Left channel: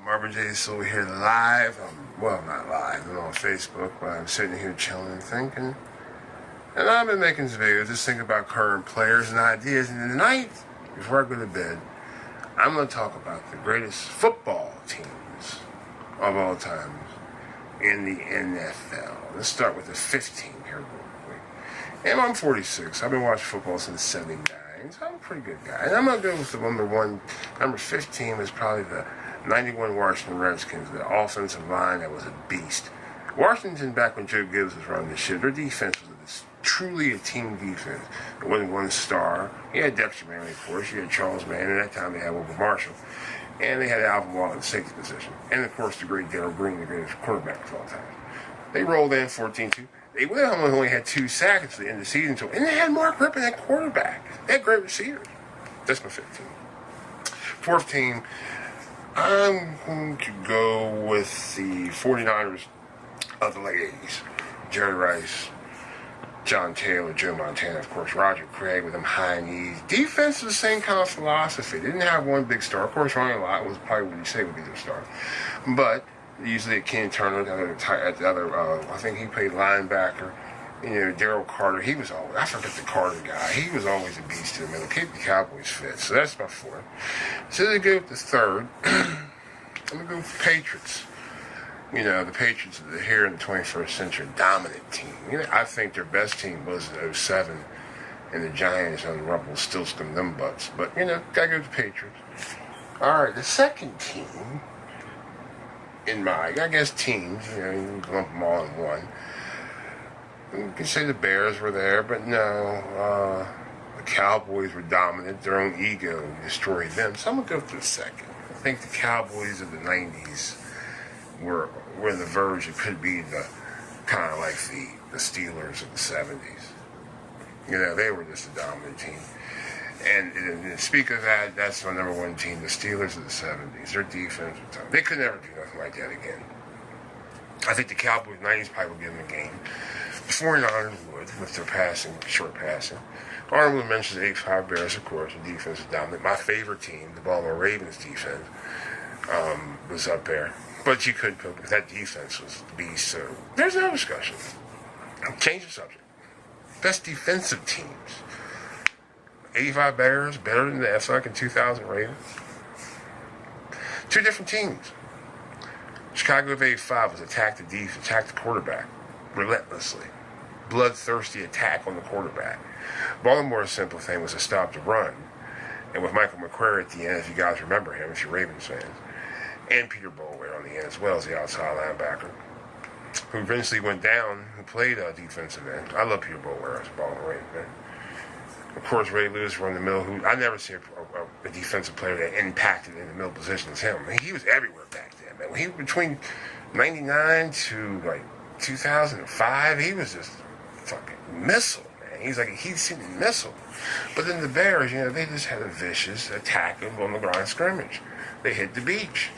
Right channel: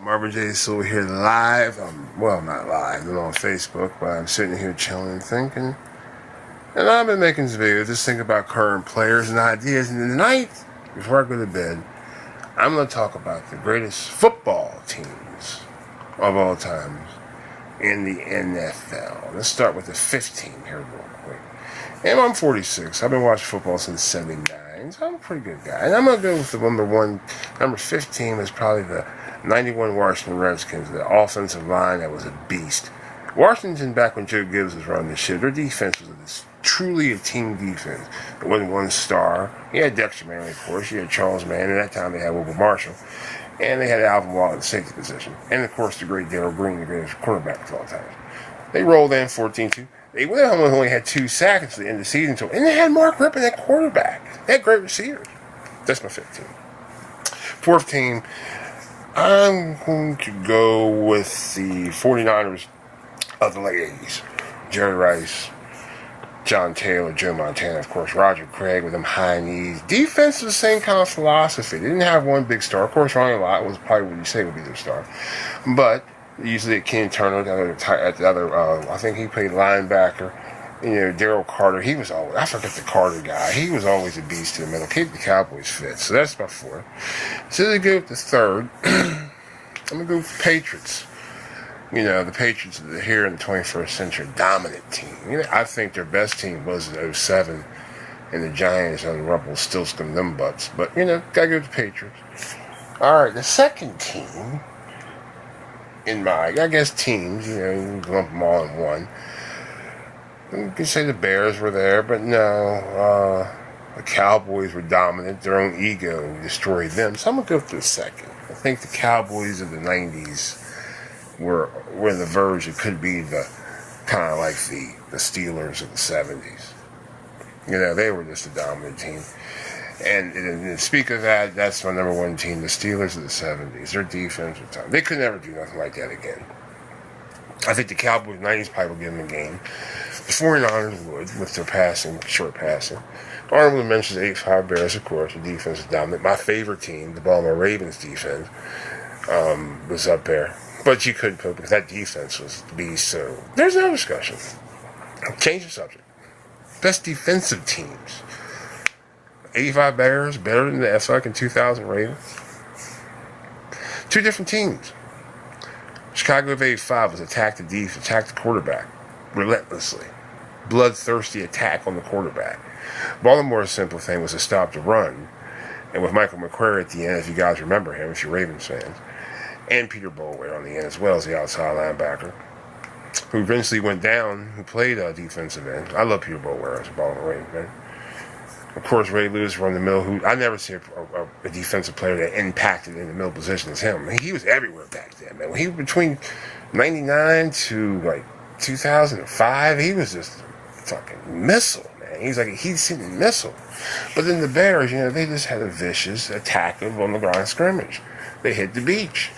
Marvin J here live. Well, not live, I'm on Facebook, but I'm sitting here chilling and thinking. And I've been making this video just thinking about current players and ideas. And tonight, before I go to bed, I'm going to talk about the greatest football teams of all times in the NFL. Let's start with the 15 here real quick. And I'm 46. I've been watching football since '79. So I'm a pretty good guy. And I'm going to go with the number 15 was probably the 91 Washington Redskins, the offensive line that was a beast. Washington, back when Joe Gibbs was running the shit, their defense was truly a team defense. It wasn't one star. You had Dexter Manley, of course. You had Charles Mann. At that time, they had Wilbur Marshall. And they had Alvin Wallace in the safety position. And, of course, the great Darrell Green, the greatest quarterback of all time. They rolled in 14-2. They only had 2 sacks at the end of the season. And they had Mark Rippon at quarterback. They had great receivers. That's my 15. Fourth team, I'm going to go with the 49ers of the late 80s. Jerry Rice, John Taylor, Joe Montana, of course, Roger Craig with them high knees. Defense was the same kind of philosophy. They didn't have one big star. Of course, Ronnie Lott was probably what you say would be their star. But usually Ken Turner, I think he played linebacker. Daryl Carter, he was always, I forget the Carter guy, he was always a beast in the middle. Keep the Cowboys fit. So that's my 4th. So to go with the 3rd, I'm going to go with the Patriots. The Patriots are here in the 21st century, dominant team. I think their best team was in '07, and the Giants and the Rebels still scum them butts. But, gotta go with the Patriots. All right, the second team in my, teams, you can lump them all in one. You can say the Bears were there, but no. The Cowboys were dominant. Their own ego destroyed them. So I'm going to go for the second. I think the Cowboys of the 90s were the verge. It could be the kind of like the Steelers of the 70s. They were just a dominant team. And speak of that, that's my number 1 team, the Steelers of the 70s. Their defense was tough. They could never do nothing like that again. I think the Cowboys 90s probably would give them a game. The 49ers would, with their passing, short passing. Honorable mentions 85 Bears, of course. The defense is dominant. My favorite team, the Baltimore Ravens defense, was up there. But you couldn't put because that defense was the beast. So there's no discussion. Change the subject. Best defensive teams. 85 Bears, better than the fucking 2000 Ravens. 2 different teams. Chicago of 85 was attack the quarterback relentlessly. Bloodthirsty attack on the quarterback. Baltimore's simple thing was to stop the run. And with Michael McQuarrie at the end, if you guys remember him, if you're Ravens fans, and Peter Boulware on the end as well as the outside linebacker, who eventually went down, who played defensive end. I love Peter Boulware as a Baltimore Ravens fan. Of course, Ray Lewis from the middle, who I never see a defensive player that impacted in the middle position as him. He was everywhere back then, man. When he was between 99 to 2005, he was just a fucking missile, man. He's like a heat-seeking missile. But then the Bears, they just had a vicious attack on the ground scrimmage. They hit the beach.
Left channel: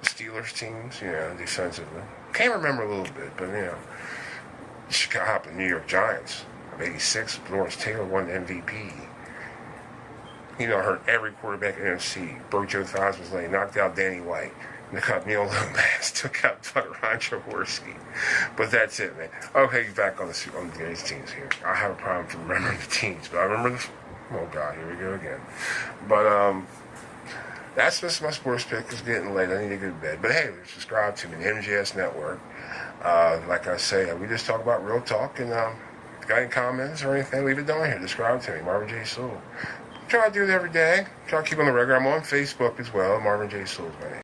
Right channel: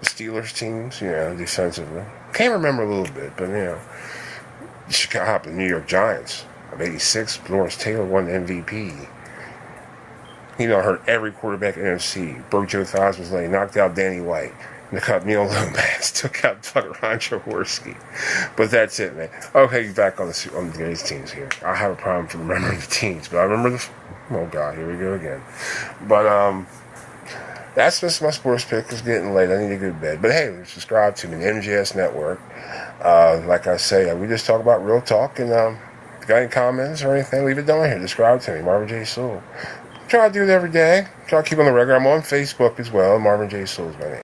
The Steelers teams, defensively. Can't remember a little bit, but, Chicago, the New York Giants of 86, Lawrence Taylor won the MVP. Hurt every quarterback in NFC. Broke Joe Theismann's leg, knocked out Danny White. Took out Neil Lomax, took out Ron Jaworski. But that's it, man. Okay, back on the greatest teams here. I have a problem for remembering the teams, but I remember oh God, here we go again. But that's just my sports pick. It's getting late. I need to go to bed. But hey, subscribe to me, the MJS Network. Like I say, we just talk about real talk. And if you got any comments or anything, leave it down here. Subscribe to me, Marvin J. Try to do it every day. Try to keep on the record. I'm on Facebook as well. Marvin J. is my name.